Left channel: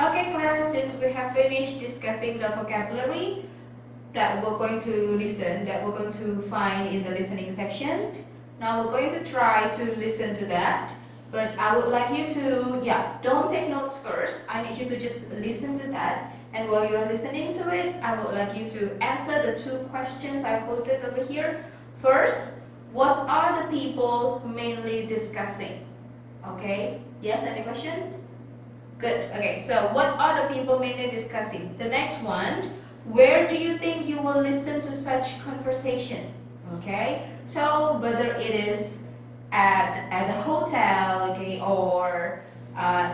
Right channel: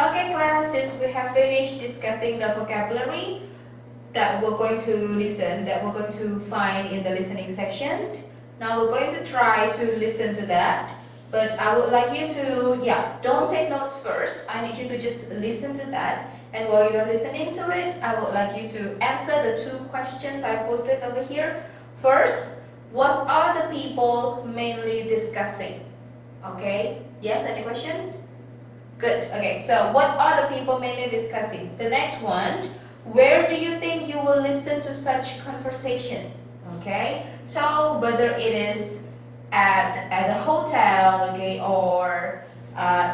Okay, class, since we have finished discussing the vocabulary that we're going to listen, that we're going to find in the listening section, now we're going to try to listen to that. But I would like you to, don't take notes first. I need you to just listen to that. And while you're listening to it, I would like you to answer the two questions I posted over here. First, what are the people mainly discussing? Okay, yes, any question? Good. Okay, so what are the people mainly discussing? The next one, where do you think you will listen to such conversation? Okay, so whether it is at a hotel, okay, or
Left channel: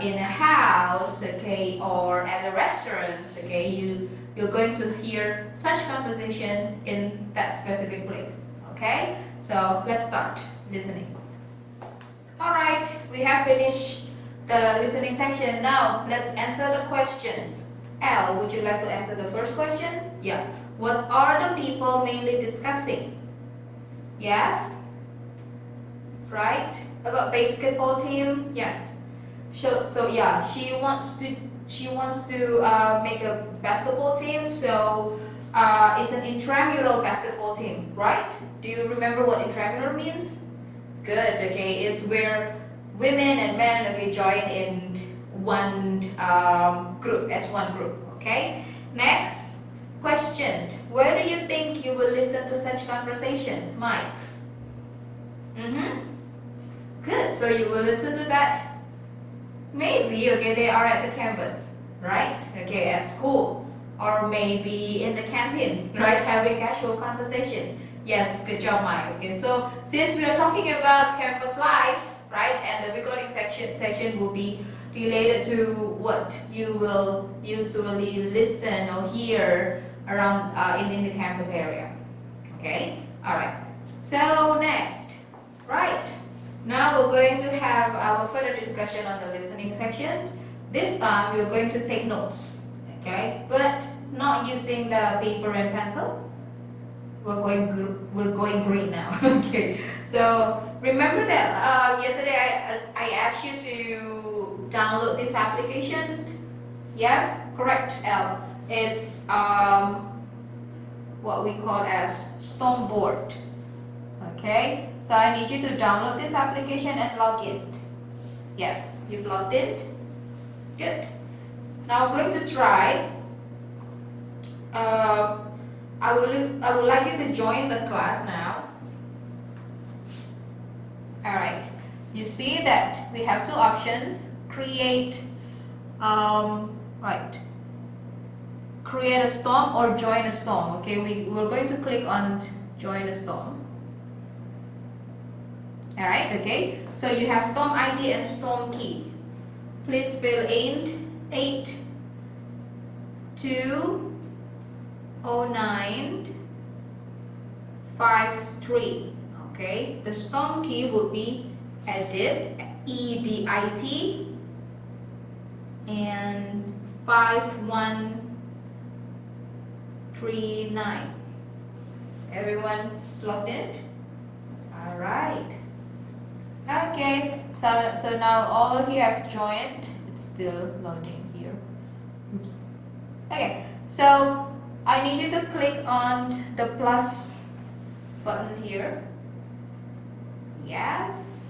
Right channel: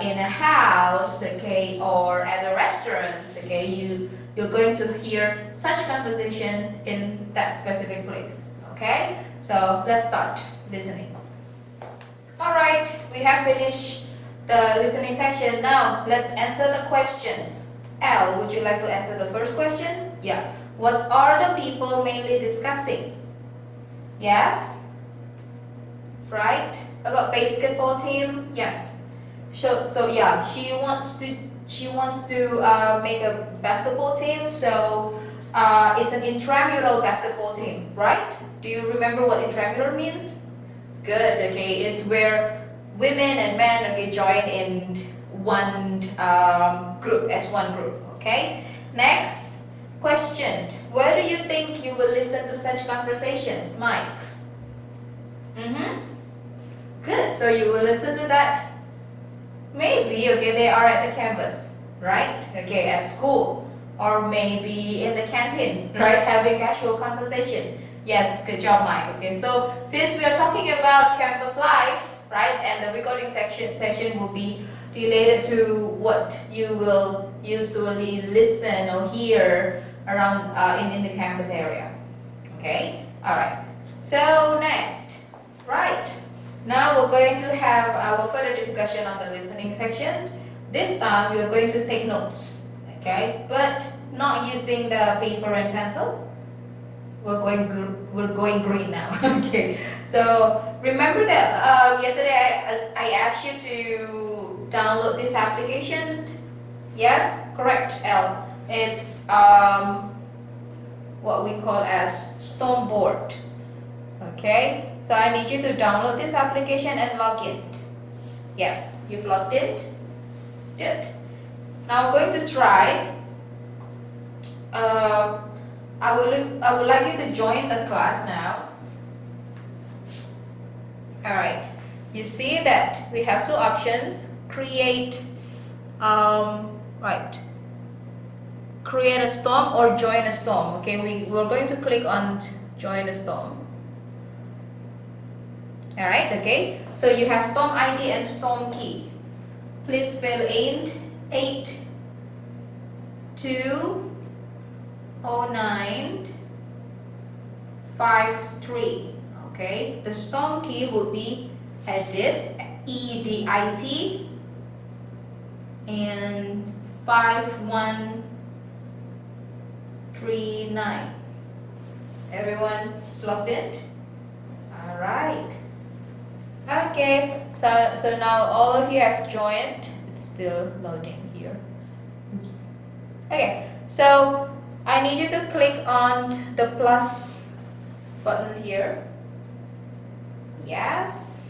in a house, okay, or at a restaurant, okay, you're going to hear such conversation in that specific place. Okay, so let's start listening. All right, we have finished the listening section. Now let's answer the questions. L, would you like to answer the first question? Yeah. What are the people mainly discussing? Yes. Right. About basketball team? Yes. So yeah, she wants to make a basketball team. So it's an intramural basketball team, right? Do you remember what intramural means? Good. Okay, it's where women and men, okay, join in one group, as one group. Okay. Next question: where do you think you will listen to such conversation, Mike? Good. So you will listen to that. Maybe, okay, they are at the campus, right? Okay, at school, or maybe in the canteen, right? Having casual conversation. Yes, good job, Mike. Okay, so since we are talking about campus life, right, and the recording section will be related to what you will usually listen or hear around in the campus area. Okay, all right. So next, right. Now we're going to have our further discussion on the listening section. This time we're going to take notes, okay, but not using the paper and pencil. We're going green now. Okay, so remember that yesterday I asked you to download this application. Yes, correct, L. It's what we call as Stoneboard. Okay, so I need you to download this application and log in. Yes, you've logged in. Good. Now I'm going to try. I would like you to join the class now. All right. You see that we have two options. Create a storm or join a storm. Okay, we're going to click on join a storm. All right. Okay. So you have storm ID and storm key. Please fill in 820953. Okay, the storm key would be edit, EDIT, and 5139. Everyone is logged in? All right. Okay, so now all of you have joined. It's still loading here. Oops. Okay, so I need you to click on the plus button here. Yes.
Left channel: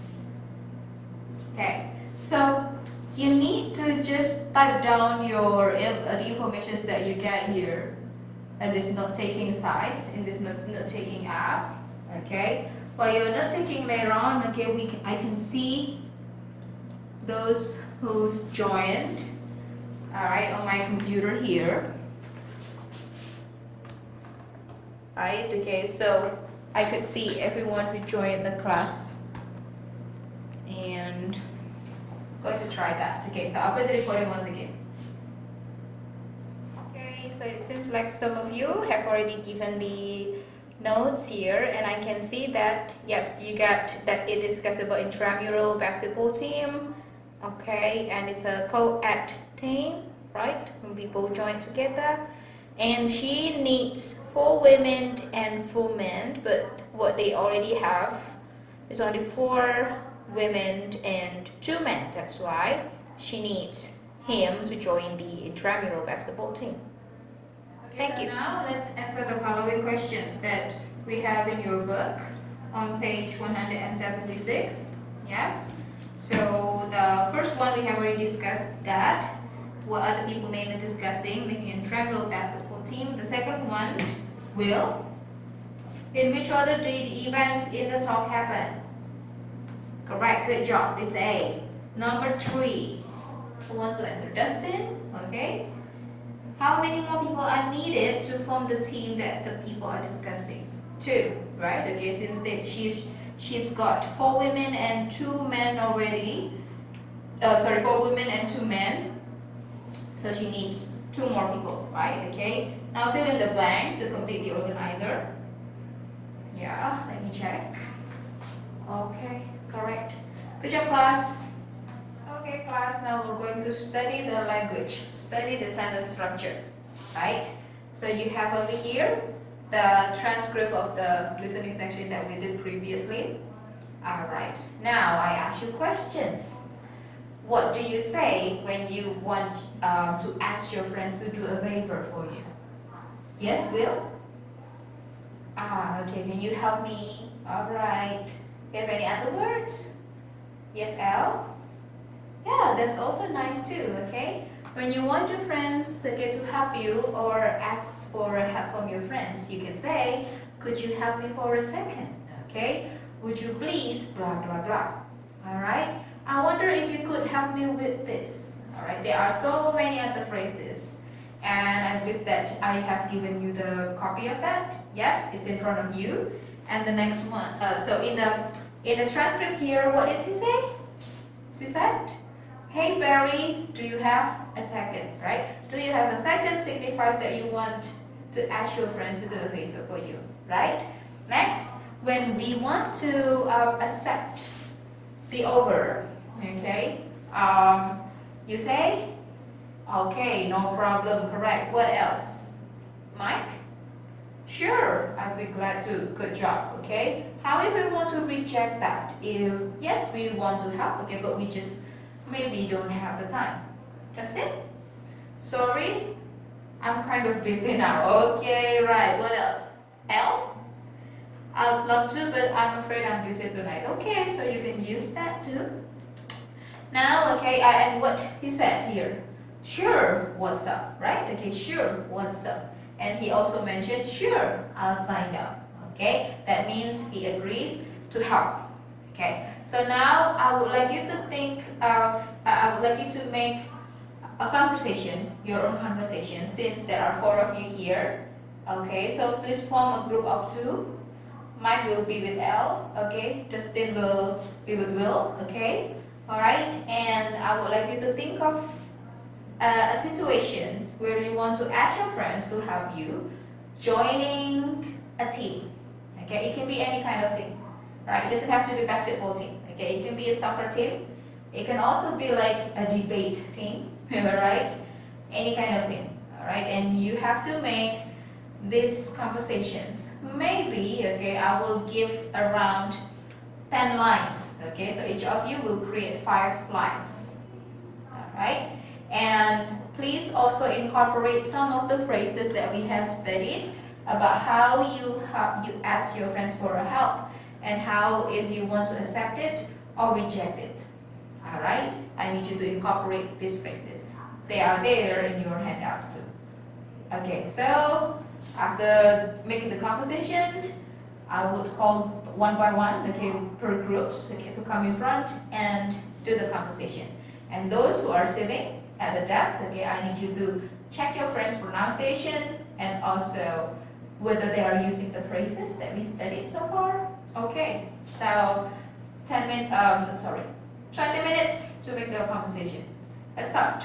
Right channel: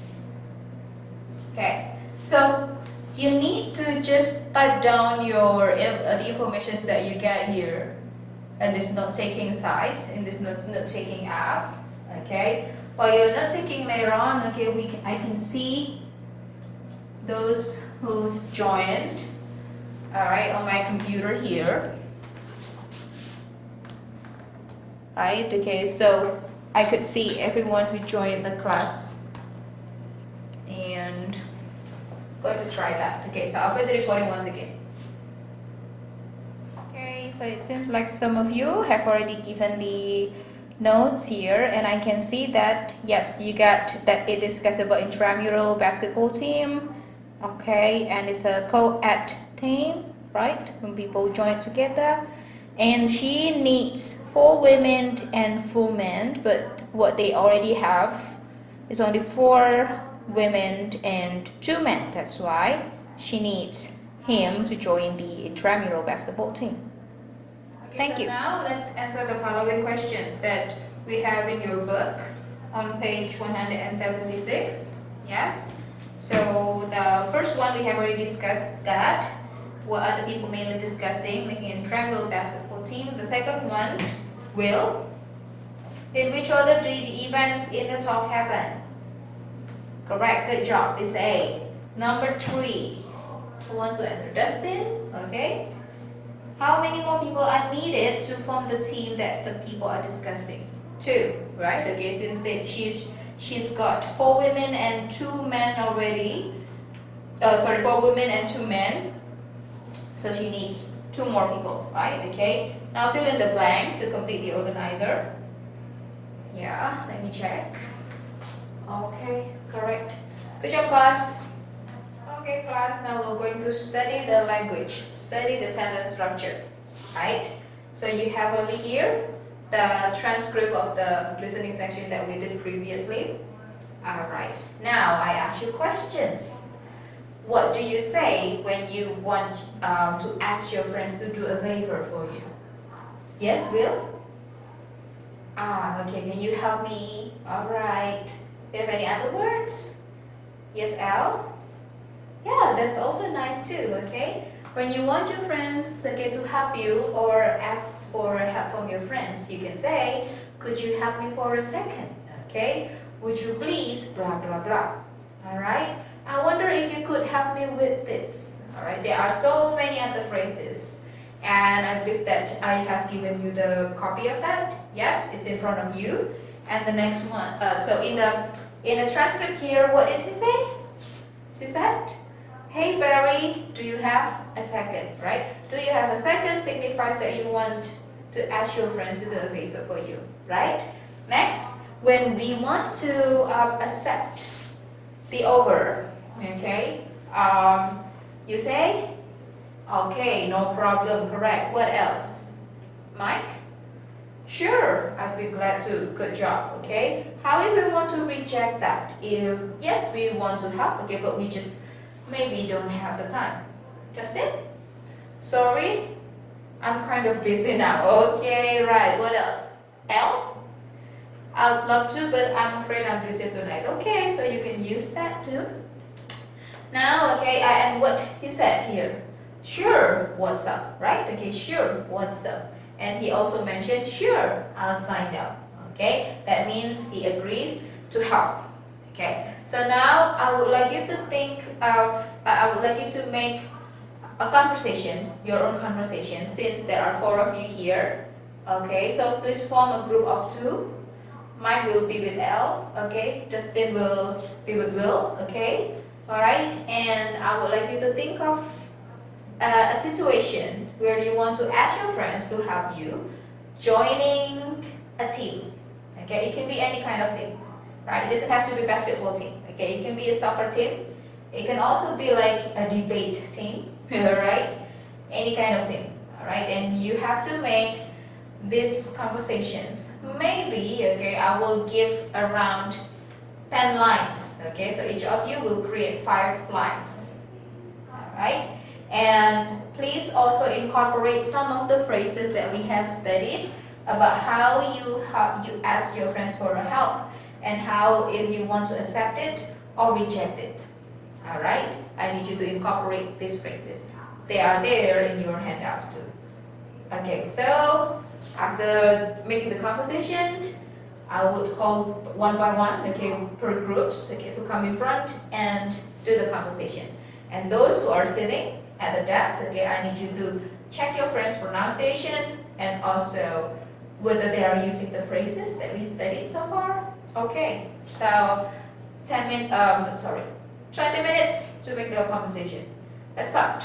Okay, so you need to just type down your the information that you get here in this note-taking site, in this note-taking app. Okay, while you're note-taking later on, okay, I can see those who joined. All right, on my computer here. Right, okay, so I could see everyone who joined the class, and I'm going to try that. Okay, so I'll put the recording once again. Okay, so it seems like some of you have already given the notes here, and I can see that yes, you got that it discusses about intramural basketball team. Okay, and it's a co-ed team, right, when people join together. And she needs 4 women and 4 men, but what they already have is only 4 women and 2 men. That's why she needs him to join the intramural basketball team. Okay, thank you. Now let's answer the following questions that we have in your book on page 176. Yes. So the first one we have already discussed that. What are the people mainly discussing? Making an intramural basketball team. The second one, will. In which order do the events in the talk happen? Correct, good job. It's A. Number 3. Who wants to answer? Dustin? Okay. How many more people are needed to form the team that the people are discussing? 2, right? Okay, since that she's got 4 women and 2 men already. 4 women and 2 men. So she needs 2 more people, right? Okay. Now fill in the blanks to complete the organizer. Yeah, let me check. Okay, correct. Good job, class. Okay, class, now we're going to study the language, study the sentence structure, right? So you have over here the transcript of the listening section that we did previously. Alright, now I ask you questions. What do you say when you want to ask your friends to do a favor for you? Yes, Will? Okay, can you help me? Alright. Do you have any other words? Yes, Al? Yeah, that's also nice too, okay? When you want your friends to help you or ask for help from your friends, you can say, could you help me for a second? Okay? Would you please blah blah blah. Alright? I wonder if you could help me with this. Alright, there are so many other phrases. And I believe that I have given you the copy of that. Yes, it's in front of you. And the next one, so in the transcript here, what did he say? He said, hey Barry, do you have a second, right? Do you have a second signifies that you want to ask your friends to do a favor for you, right? Next, when we want to accept the offer, okay, you say, okay, no problem, correct. What else? Mike? Sure, I'd be glad to. Good job, okay? How if we want to reject that? If, yes, we want to help, okay, but we just maybe don't have the time. Justin? Sorry, I'm kind of busy now. Okay, right, what else? L? I'd love to, but I'm afraid I'm busy tonight. Okay, so you can use that too. Now, okay, and what he said here. Sure, what's up, right? Okay, sure, what's up? And he also mentioned, sure, I'll sign up. Okay, that means he agrees to help. Okay, so now I would like you to think of, I would like you to make a conversation, your own conversation, since there are 4 of you here. Okay, so please form a group of 2. Mike will be with L, okay? Justin will be with Will, okay? Alright, and I would like you to think of a situation where you want to ask your friends to help you joining a team. Okay, it can be any kind of teams, right? It doesn't have to be a basketball team. Okay, it can be a soccer team. It can also be like a debate team, right? Any kind of team, all right? And you have to make these conversations. Maybe, okay, I will give around 10 lines. Okay, so each of you will create 5 lines, all right? And please also incorporate some of the phrases that we have studied about how you ask your friends for help and how if you want to accept it or reject it. Alright? I need you to incorporate these phrases. They are there in your handouts too. Okay, so after making the conversation, I would call one by one, okay, per groups, okay, to come in front and do the conversation. And those who are sitting at the desk, okay, I need you to check your friends' pronunciation and also whether they are using the phrases that we studied so far. Okay, so 20 minutes to make the conversation. Let's start.